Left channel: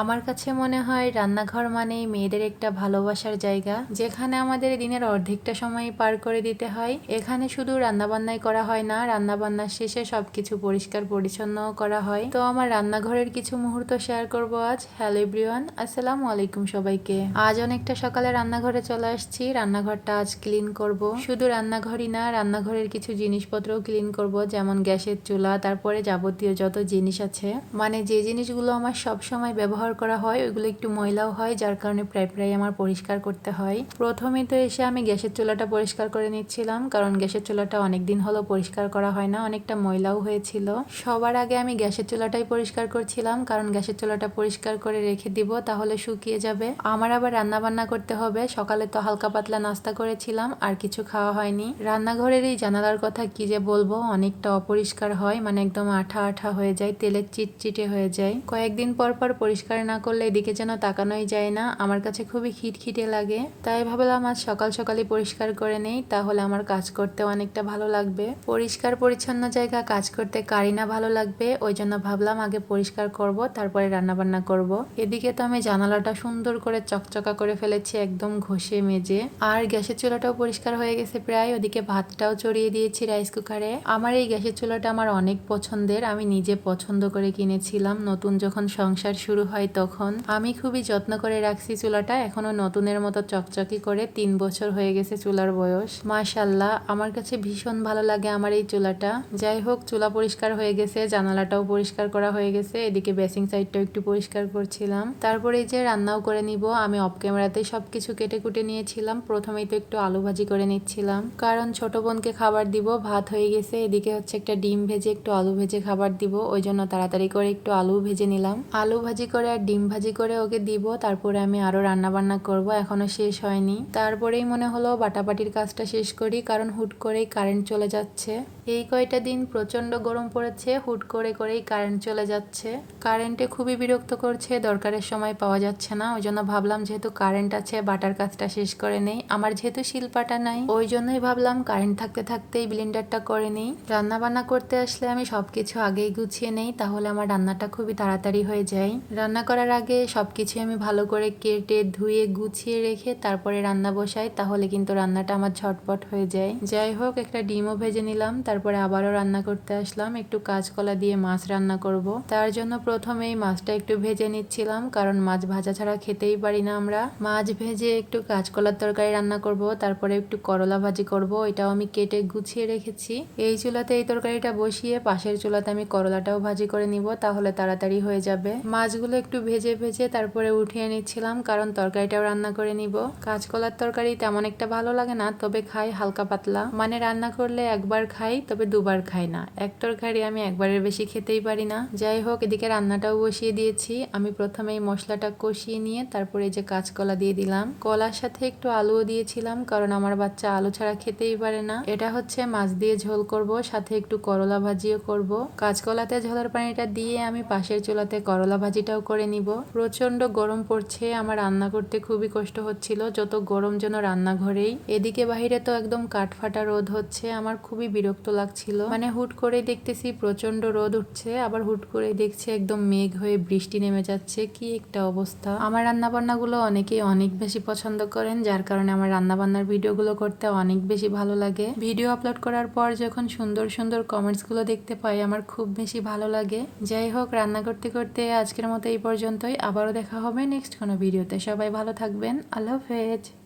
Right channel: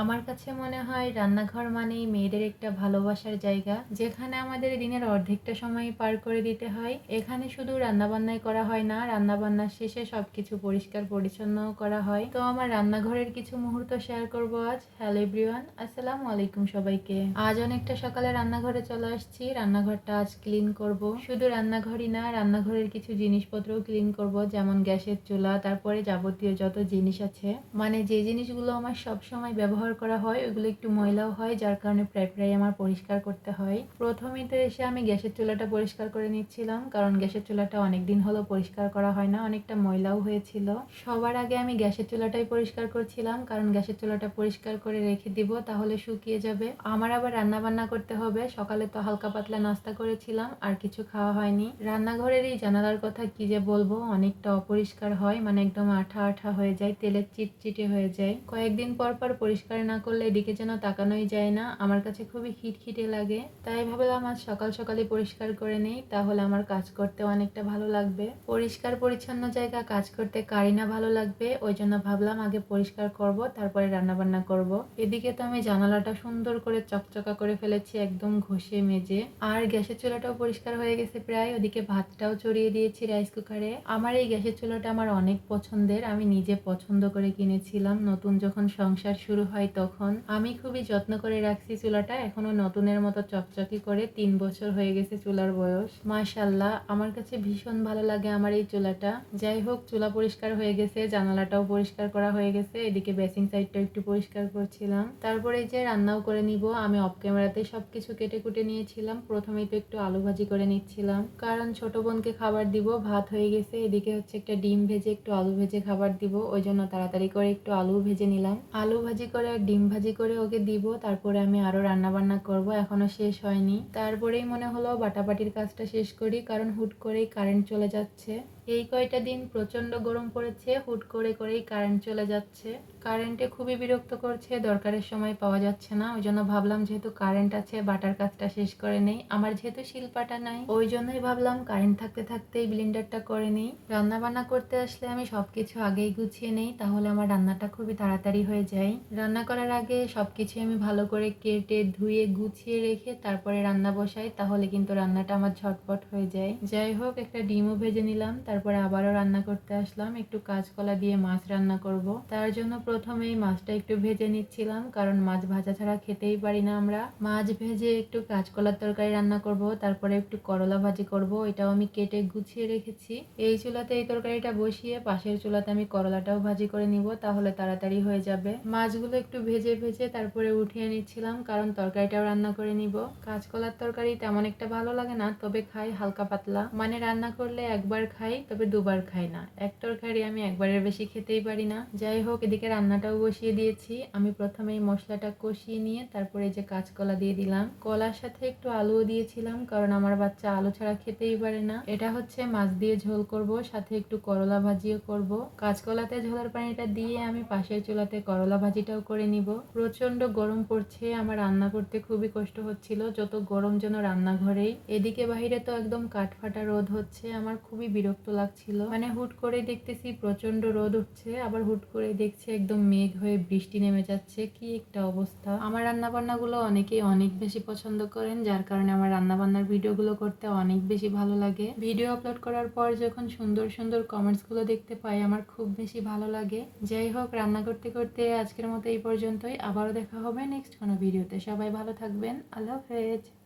আমার কাছে মনে হয় রান্নাঘর মানে মেয়েদের একটা ভালোবাসার জায়গা, যেখানে আমাদের দিনের অর্ধেকটা সময় পার করে দিতে হয়। এখানে শুধু রান্নাবান্নাই করা হয় না, রান্নাবান্নার শেষে সবকিছু পরিষ্কার পরিচ্ছন্ন করা হয়। তো আমার রান্নাঘরের কিছু মুহূর্ত শেয়ার করব আজ। হ্যালো এভরিওয়ান আসসালামু আলাইকুম সবাইকে। আজ অনেকটা সকালে রান্নাঘরে চলে আসছি। রান্নাঘরটা আজ ক্লিন করব। শুধু রান্নাঘরই না, রান্নাঘরের কিছু জিনিসপত্রও ক্লিন করব, যেমন গ্যাসের চুলা, তারপরে যাবতীয় যত জিনিস আছে। মানে যে জিনিসগুলো আমার সব সময় ব্যবহার করা হয়, ওইগুলো একটু ময়লাও হয়, যার কারণে প্রায় প্রায় আমার পরিষ্কার করতে হয়। প্রথমে তো এসে আমি গ্যাসের চুলাটা পরিষ্কার করে নিচ্ছিলাম, কারণ গ্যাসের চুলাটা অনেক দিন হলো পরিষ্কার করা হয় না, অনেকটা ময়লাও হয়েছিল। সবার আগে আমি গ্যাসের চুলাটাই পরিষ্কার করছিলাম, কারণ গ্যাসের চুলাটা পরিষ্কার করে রেখে দিব, তাহলে শুকিয়ে যাবে। আমার আবার রান্না বান্না করতে হবে, সকালে তো হালকা পাতলা নাস্তা করেছিলাম, আর কিছু খাওয়া হয়নি। রান্নাঘরের এই জানালার কথা কি যে বলব, অনেকটা অপরিষ্কার হয় মানে একদম আঠা আঠা হয়ে যায় তেলের চিটচিটে হয়ে যায়। কয়েকদিন পর পর পরিষ্কার না করলে এদিকে যেন তাকানোই যায় না। আমার কাছে খুবই খিটখিটে লাগে। তাই ভাবলাম আজ সকাল সকালে পরিষ্কার করে নেই, তাহলে আমার কাজ করতে অনেকটা ভালো লাগবে। পরিষ্কার পরিচ্ছন্ন জায়গা কাজ করতে কারি না ভালো লাগবে। ওই জন্য ভাবলাম আগে পরিষ্কার করব, তারপরে রান্না বান্না করব। এদিকে তো আমি জানালাটা সুন্দর করে চকচকা করে ফেলেছি, একদম ঘষে মেজে। আর গ্যাসের চুলাটাও পরিষ্কার হয়ে গেছে প্রায়। ওদিকে ভাতটাও চড়িয়ে দিয়েছি রাইস কুকারে। আমার এই গ্যাসের চুলাটা আমার অনেক পছন্দের। আমি নিজে পছন্দ করে কিনেছিলাম। নতুন যখন সংসার শুরু হয় তখন। আমি খুবই যত্ন করে রাখছি চুলাটা। এখনও নতুনের মতো চকচকি করে তিন বছর হয়ে গেছে চুলার বয়স। মাশাল্লাহ আমার কাছে ভীষণ ভালো লাগে আমার এই চুলাটা। যাই হোক, চুলা পরিষ্কার হয়ে গেছে, জানালাটাও পরিষ্কার করা হয়ে গেছে। এদিকে বেসিং সাইডটাও একটু পরিষ্কার করছিলাম। তারপরে যে রান্নাও করে নিব। আমি অফ ক্যামেরাতে সব কিছু কেটে কুটে নিয়েছিলাম। প্রথমেই তো একটু আলু ভাজি করে নিচ্ছিলাম। কারণ ছোট বোনকে খাবার দিব, ভাত হয়ে গেছে। এদিকে হচ্ছে একটা ডিম ভেজে একটু আলু ভেজে খাবার দিব। ওই জন্য তাড়াতাড়ি করে একটু আলু ভেজে নিলাম। আলু ভাজি করে আর ডিম ভাজি করে ওকে দিব, তারপরে আমি আরও রান্নাবান্না করব এখনও শেষ হয়নি। তারপরেই মনে হলো বাটাবাটির কাজটা শেষ করি, কারণ হুট করেই কারেন্ট চলে যাচ্ছে। এই কয়টা দিন প্রচণ্ড গরম পড়েছে, হুট করে করেই কারেন্ট চলে যাচ্ছে। কারেন্টে খুবই বিরক্ত করছে, দরকারের সময় পাওয়া যাচ্ছে না। ওই জন্য ভাবলাম যেহেতু কারেন্ট আছে বাটার কাজটা শেষ করে নেই। আমার যেহেতু শিল্পাটা নাই, ওই জন্যই ভাবলাম কারেন্ট থাকতে থাকতেই ব্লেন্ডারটা করে নেই। রান্না বান্না করতে আসলে আমি সবকিছু আগেই গুছিয়ে নেই, তাহলে আমার রান্নাটা খুবই তাড়াতাড়ি হয়ে যায়। রান্না করার আগে সবকিছু আমি ভালো করে কেটে, ধুয়ে, গুছিয়ে রেখে তারপরে রান্না বসাই, তাহলে কিন্তু রান্নাটা আমার ঝটপট হয়ে যায়। যাই হোক, একটা ডিমও ভেজে নিলাম তারপরে আবারও রান্না করতে আসলাম। একটু কাঁচকলা দিয়ে মাছ রান্না করব। তার জন্য প্রথমে এই মাছটা একটু ভেজে নিচ্ছিলাম, কারণ মাছ ভাজা ছাড়া খেতেই পারি না আমরা। মাছ ভেজে একটু কাঁচকলার তরকারি রান্না করব, তারপরে একটু করলা ভাজি করব, এটাও আমি কেটে গুছিয়ে রেখেছি। এই চুলাতে এই তরকারিটা বসিয়ে পাশের চুলাতে আমি করলাটাও ভাজি করে নিব, তাহলে তাড়াতাড়ি হয়ে যাবে। মাছগুলো একটু ভেজে ভেজে তারপরে উঠিয়ে নিচ্ছিলাম, কারণ তরকারিটাও রান্না করে নিব। কাঁচকলার তরকারি তেমন একটা ভালো লাগে না, তবে খাই হালকা পাতলা। মানে রান্না করলে একবার খাই তবে দুবার খাই না। এক তরকারি আমি একবারের বেশি খেতেই পারি না। যাই হোক, এদিকে রান্নাটাও বসিয়ে দিয়েছি। আমি প্রথমে এই মশলাটা কষিয়ে নিয়ে তারপরে যে কাঁচকলা দিয়ে দিলাম। কলার সাথে একটু আলুও দিয়েছিলাম, কারণ আমার বাচ্চা আলু ছাড়া খেতেই পারে না। এটা হচ্ছে মাছ দিয়ে ঝোল করব, সাথে একটু করলা ভাজিও করব। কাঁচকলাতে ঝোলের পানিটা দিয়ে আমি পাশের চুলাতে করলা ভাজিটাও করে নিব। প্রচণ্ড গরম পড়ছে, আমার রান্না করতে খুবই কষ্ট হচ্ছিল, যত গরম যেন রান্নাঘরেই। এদিকে বাহিরে তো একদম কাঠফাটা রোদ হচ্ছে, আমার খুবই বিরক্ত লাগছিল। মানে হুট করে দেখতেছি প্রচণ্ড রোদ উঠছে, আবার হুট করে দেখছি একদম মেঘ হয়ে বৃষ্টি নেমে যাচ্ছে। কি একটা অবস্থা। আমার রান্না বান্নাগুলো অনেকেই অনেক বেশি পছন্দ করেন, যার কারণে আমার রান্না বান্নার ভিডিওগুলো করতে অনেক বেশি ভালো লাগে। ভিডিও আপলোড করার পর যখন সুন্দর সুন্দর কমেন্টসগুলো দেখতে পাই, আমার খুব বেশি ভালো লাগে। যাই হোক, রান্না করতে করতে আজকের মতো এই পর্যন্তই। আবারও দেখা হবে নেক্সট কোনো ভিডিওতে। সবাই ভালো থাকবেন। আল্লাহ হাফেজ।